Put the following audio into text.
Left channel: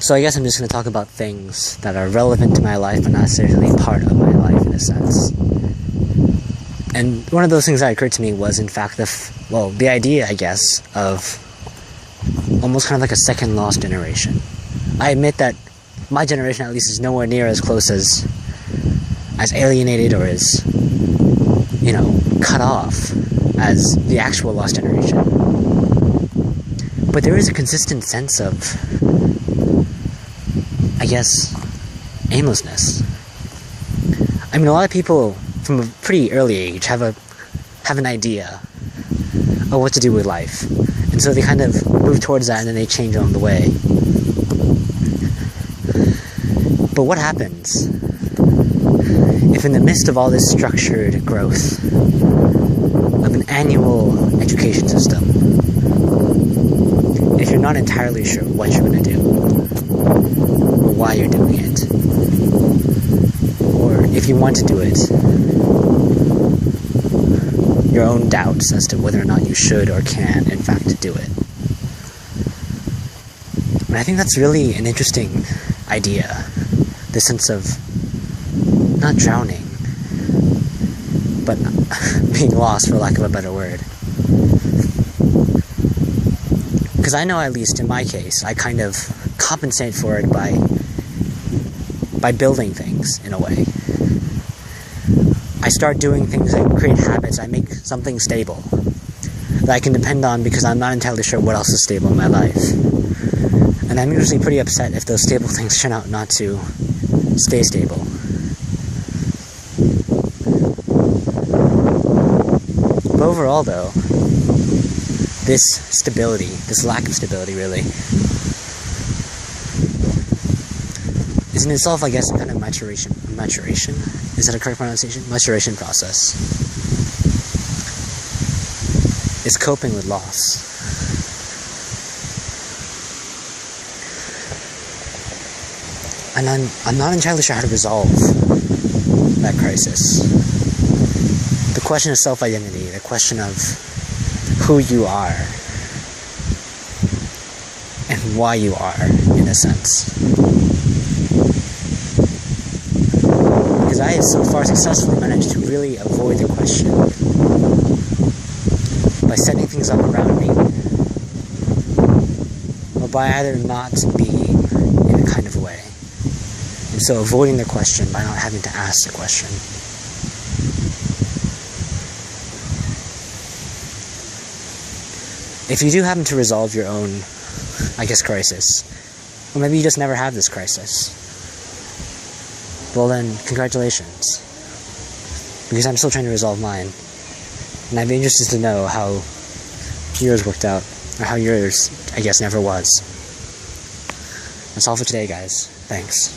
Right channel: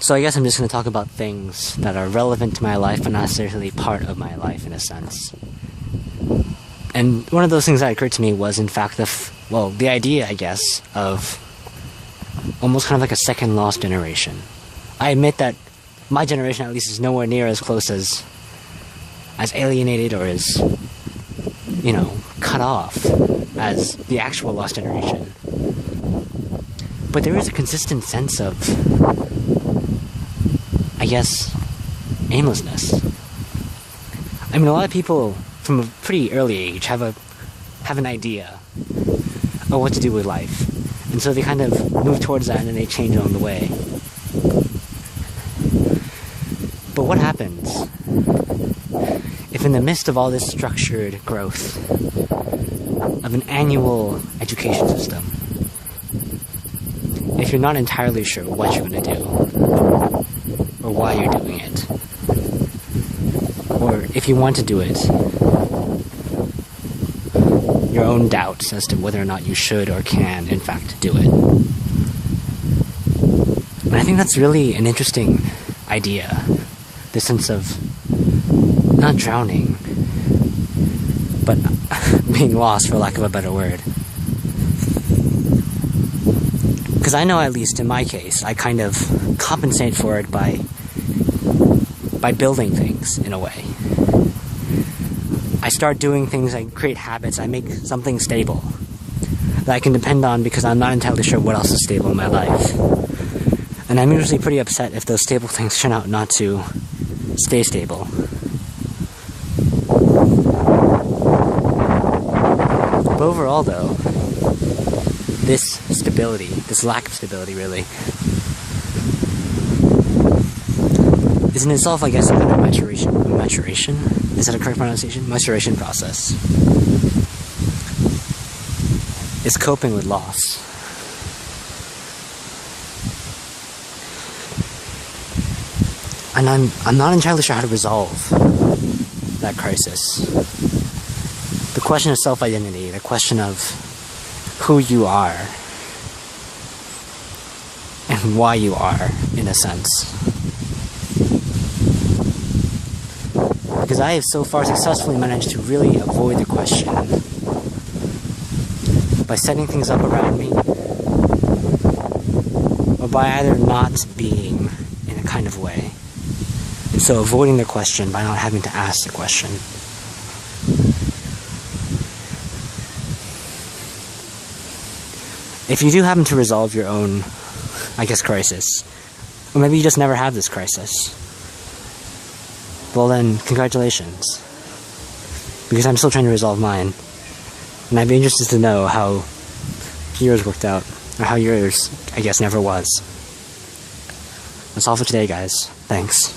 So I guess I'm just going to talk about things that are relevant to my life, but not necessarily part of my life in a sense. And one of those things that occurred to me was, in fact, the idea, I guess, of almost kind of like a second lost generation. I admit that my generation, at least, is nowhere near as close as alienated or as, cut off as the actual lost generation. But there is a consistent sense of, I guess, aimlessness. I mean, a lot of people from a pretty early age have an idea of what to do with life. And so they kind of move towards that and then they change along the way. But what happens if in the midst of all this structured growth of an annual education system, if you're not entirely sure what you're going to do, or why you're doing it, or if you want to do it, your own doubts as to whether or not you should or can, in fact, do it. And I think that's really an interesting idea, the sense of not drowning, but being lost, for lack of a better word. Because I know, at least in my case, I kind of compensate for it by building things, in a way. I start doing things, I create habits, I make something stable that I can depend on because I'm not entirely sure what else is stable in my life. And I'm usually pretty upset if those stable things turn out not to stay stable. But overall, though, this stability, this lack of stability, really, is in itself, I guess, a kind of maturation? Is that a correct pronunciation? Maturation process. It's coping with loss. And I'm not entirely sure how to resolve that crisis. The question of self-identity, the question of who you are, and why you are, in a sense. Because I have so far successfully managed to really avoid the question by setting things up around me, or by either not being in a kind of way, and so avoiding the question by not having to ask the question. If you do happen to resolve your own, I guess, crisis, or maybe you just never have this crisis, well then, congratulations. Because I'm still trying to resolve mine. And I'd be interested to know how yours worked out, or how yours, I guess, never was. That's all for today, guys. Thanks.